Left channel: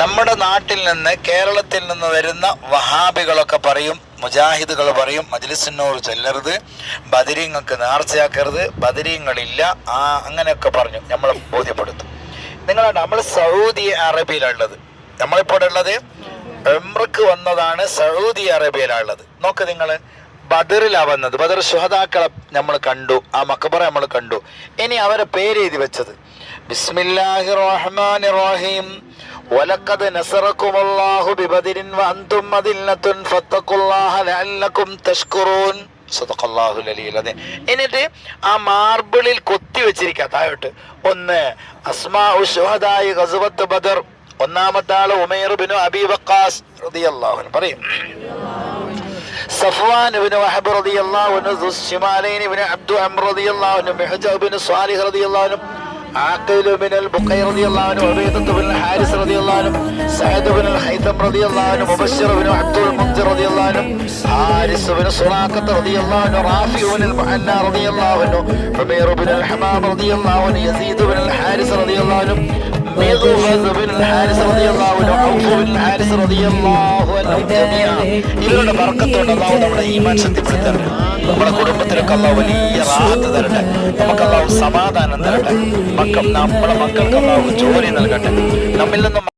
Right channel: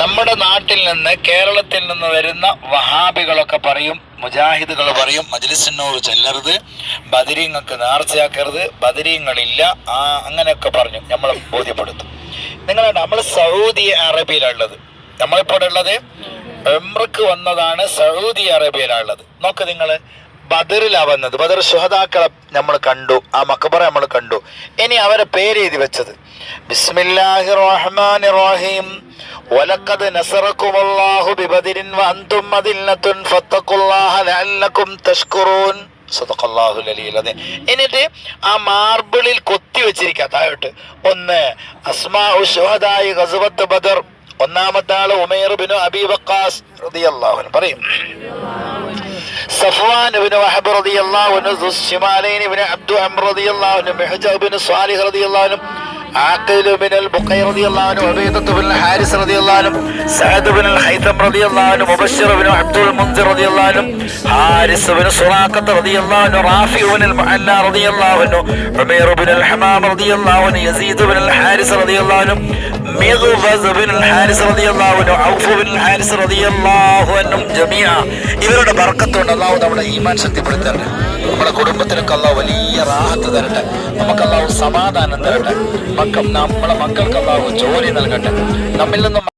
നമ്മുടെ നാട്ടിൽ നിന്ന്, കേരളത്തിൽ നിന്ന് വരുന്ന വഹാബികളൊക്കെ പറയും, മുജാഹിദുകൾ പറയും, മജ്ലിസിനോട് ചെല്ലരുത്, ബദരീങ്ങൾക്ക് നേർച്ചയാക്കരുത്, ബദരീങ്ങളില്ല, അങ്ങനെയൊക്കെ പറഞ്ഞു നമ്മളെ ബോധ്യപ്പെടുത്തും. നമ്മൾ സൗദി അറേബ്യയിലുള്ളത്, നമ്മളിപ്പോൾ ഉള്ളത് ഉംറക്ക് വന്നതാണ്, സൗദി അറേബ്യയിലുള്ളത്. നോക്ക് നിങ്ങൾ, ബദറിലാണ് വന്നത്. ബദർ ശുഹദാക്കളെ നമ്മൾ കണ്ടു, ആ മഖബറ നമ്മൾ കണ്ടു. ഇനി അവരെ പേര് എഴുതി വെച്ചത് ബിസ്മില്ലാഹിർ റഹ്മാനിർ റഹീം വലഖദ് നസറകുമുല്ലാഹു ബിബദരിൻ വഅൻതും മദില്ലത്തുൻ ഫത്തഖുല്ലാഹ ലഅല്ലകും തഷ്കുറൂൻ. സദഖല്ലാഹുൽ അലിയ്യുൽ അദീം. എന്നിട്ട് ആ മാർബിളിൽ കൊത്തി വെച്ചിരിക്കുക താഴോട്ട്, ഒന്ന് അസ്മാഉ ശുഹദായി ഗസ്വത്ത് ബദർ, ഒന്നാമത്തെ ആള് ഉമൈർ ബിൻ അബി വഖാസ് റളിയല്ലാഹു അൻഹു പറയും, സഫ്വാൻ ഇബ്നു വഹബ് റളിയല്ലാഹു അൻഹു, ദുശ്ശിമാലൈൻ ഇബ്നു അബ്ദു അംർ റളിയല്ലാഹു അൻഹു, മിഹ്ജാബ് ഇബ്നു സ്വാലിഹ് റളിയല്ലാഹു അൻഹു, ആഖിൽ ഇബ്നു അൽ-ബുഖൈർ റളിയല്ലാഹു അൻഹു, ഉബൈദത്ത് ഇബ്നു ഹാരിസ് റളിയല്ലാഹു അൻഹു, സഅദ് ഇബ്നു അൽ-ഹൈതം റളിയല്ലാഹു അൻഹു, മുബശ്ശിർ ഇബ്നു അബ്ദുൽ മുൻസിർ റളിയല്ലാഹു അൻഹു, ഹാരിസ് ഇബ്നു സുറാഖത്ത് റളിയല്ലാഹു അൻഹു, റാഫി ഇബ്നു അൽ-മുഅല്ല റളിയല്ലാഹു അൻഹു, ഉമൈർ ഇബ്നു അൽ-ഹമാം റളിയല്ലാഹു അൻഹു, യസീദ് ഇബ്നു അൽ-ഹാരിസ് റളിയല്ലാഹു അൻഹു, മിഗ്ഫസ് ഇബ്നു അൽ-ഹാരിസ് റളിയല്ലാഹു അൻഹു, ഔഫ് ഇബ്നു അൽ-ഹാരിസ് റളിയല്ലാഹു അൻഹും ജമീഅ. ഇവരുടെ ബർക്കത്ത് കൊണ്ട് അല്ലാഹു നമ്മുടെ ഈമാൻ ശക്തിപ്പെടുത്തട്ടെ, നമ്മുടെ കുടുംബത്തിലൊക്കെ അല്ലാഹു വലിയ റാഹത്ത് തരട്ടെ, നമുക്ക് അല്ലാഹു സമാധാനം തരട്ടെ, നമ്മളെ മക്കൾക്ക് അല്ലാഹു ജോലി നൽകട്ടെ, നമ്മിൽ നിന്ന്